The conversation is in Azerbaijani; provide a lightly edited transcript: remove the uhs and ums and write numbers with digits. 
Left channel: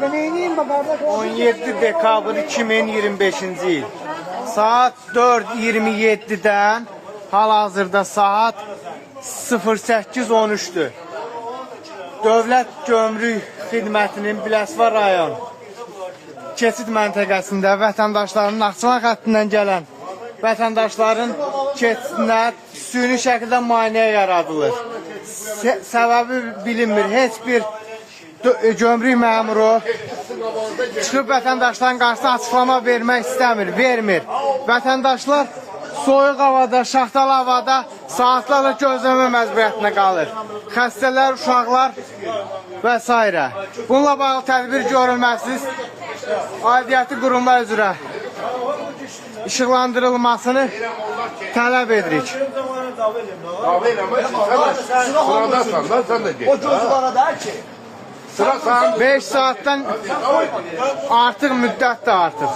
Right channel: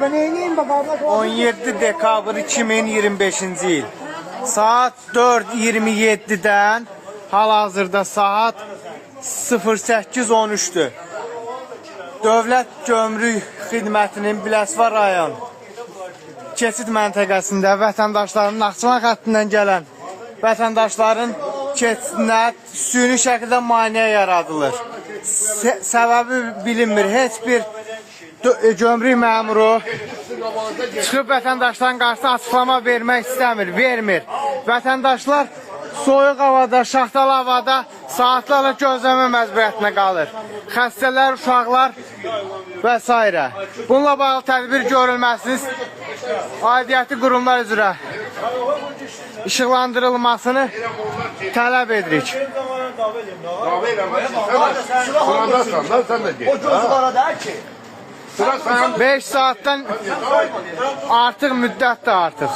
17 dekabr 2025-ci il. Saat 4:27-dən hal-hazırda saat 08:13-dür. Dövlət Gömrük Xidmətinin Biləsuvar rayon keçid məntəqəsində vətəndaşların Naxçıvan xəttindən gələn vətəndaşların keçidinə süni şəkildə maneə yaradılır. Səbəbi bilinmir. Heç bir gömrük məmuru çıxıb vətəndaşların qarşısına açıqlama vermək istəmir, vermir. Vətəndaşlar soyuq havada, şaxtalı havada saatlarla gözləmə məcburiyyətinə qalır. Xəstələr, uşaqlar və s. Bununla bağlı tədbir görülməsiz aidiyyəti qurumlar üzrə işıqlandırılmasını tələb edirik. Sıradasan da sen de gel. O gözlara der ki. Sıra sen. 5 saatdən artıq müddət də artıq.